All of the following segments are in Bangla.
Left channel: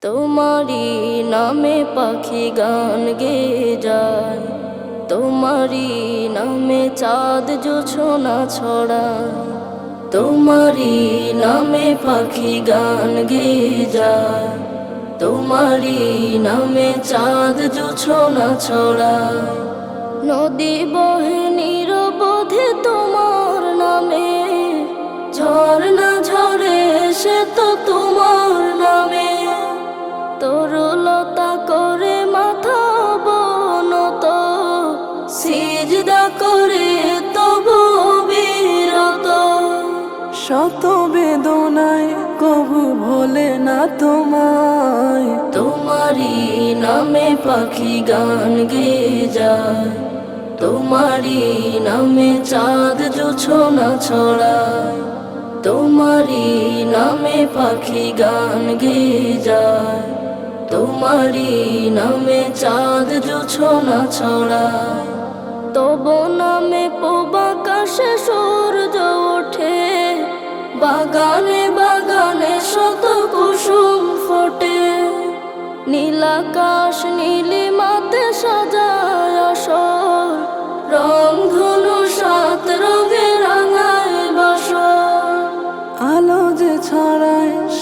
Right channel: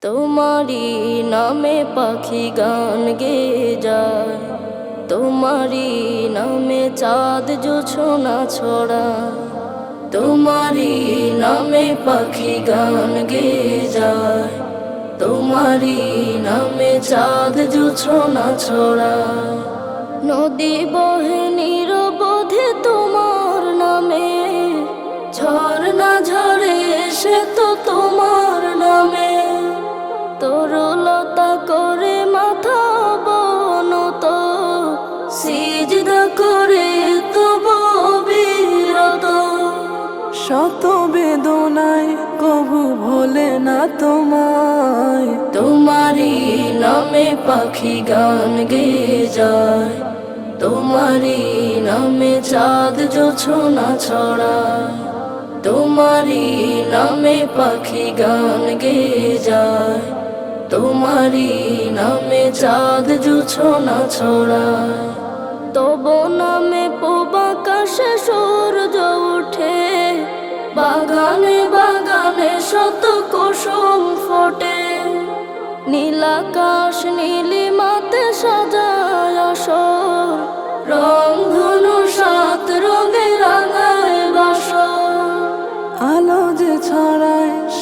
তোমারি নামে পাখি গান গে যায়। তোমারি নামে চাঁদ জোছনা ছড়ায়। তোমারি নামে পাখি গান গে যায়। তোমারি নামে চাঁদ জোছনা ছড়ায়। নদী বহে নিরবধে তোমার নামে, ঝর্ণা ঝরে সে তো তোমার তরুলতা করে মাথা বনত সিজদা করে তবু বিরত। শত বেদনায় কবু ভোলে না তোমায়। তোমারি নামে পাখি গান গে যায়। তোমারি নামে চাঁদ জোছনা ছড়ায়। তোমারি নামে পাখি গান গে যায়। তোমারি নামে চাঁদ জোছনা ছড়ায় তব নামে পোবাকাশে সূর্য ওঠে। বাগানে বাগানে শত কুসুম ফোটে। নীলাকাশ নীলিমাতে সাজায় আসর রং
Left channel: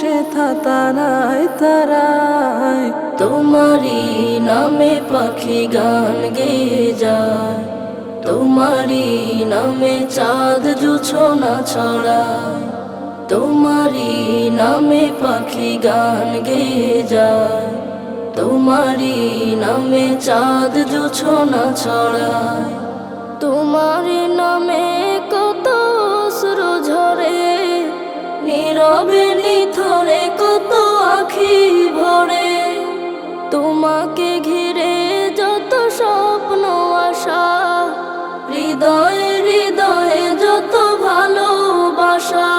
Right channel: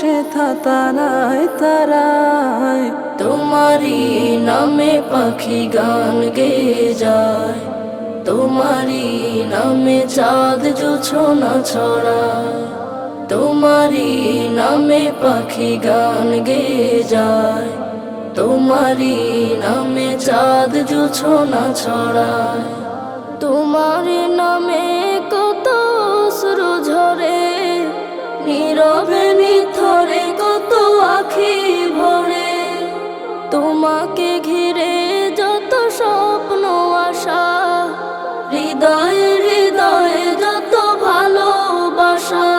ছড়ায় সে থা তারায় তারায় তোমারি নামে পাখি গান গে যায়। তোমারি নামে চাঁদ জোছনা ছড়ায় তোমারি নামে পাখি গান গে যায়। তোমারি নামে চাঁদ জোছনা ছড়ায় তোমার নামে নীরবে নিথরে কত আখি ভরে। তোমাকে ঘিরে যত স্বপ্ন আশা হৃদয়ে হৃদয়ে যত ভালোবাসা।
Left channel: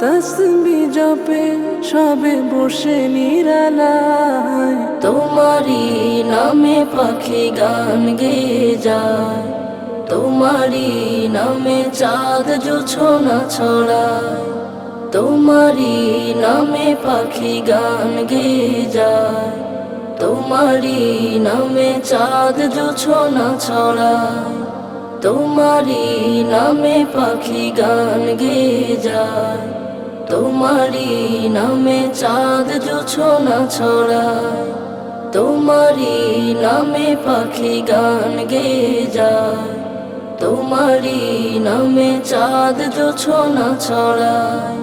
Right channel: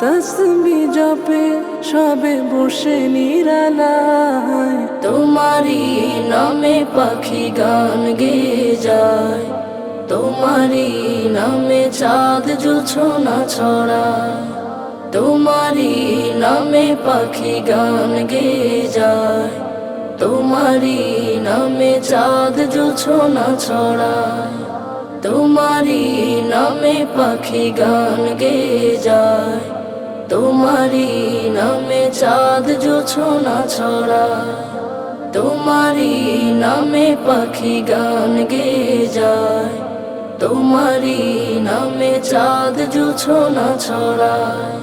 তসবি জপে সবে বসে নিরালায়। তোমারি নামে পাখি গান গে যায়। তোমারি নামে চাঁদ জোছনা ছড়ায়। তোমারি নামে পাখি গান গে যায়। তোমারি নামে চাঁদ জোছনা ছড়ায়। তোমারি নামে পাখি গান গে যায়। তোমারি নামে চাঁদ জোছনা ছড়ায়। তোমারি নামে পাখি গান গে যায়। তোমারি নামে চাঁদ জোছনা ছড়ায়।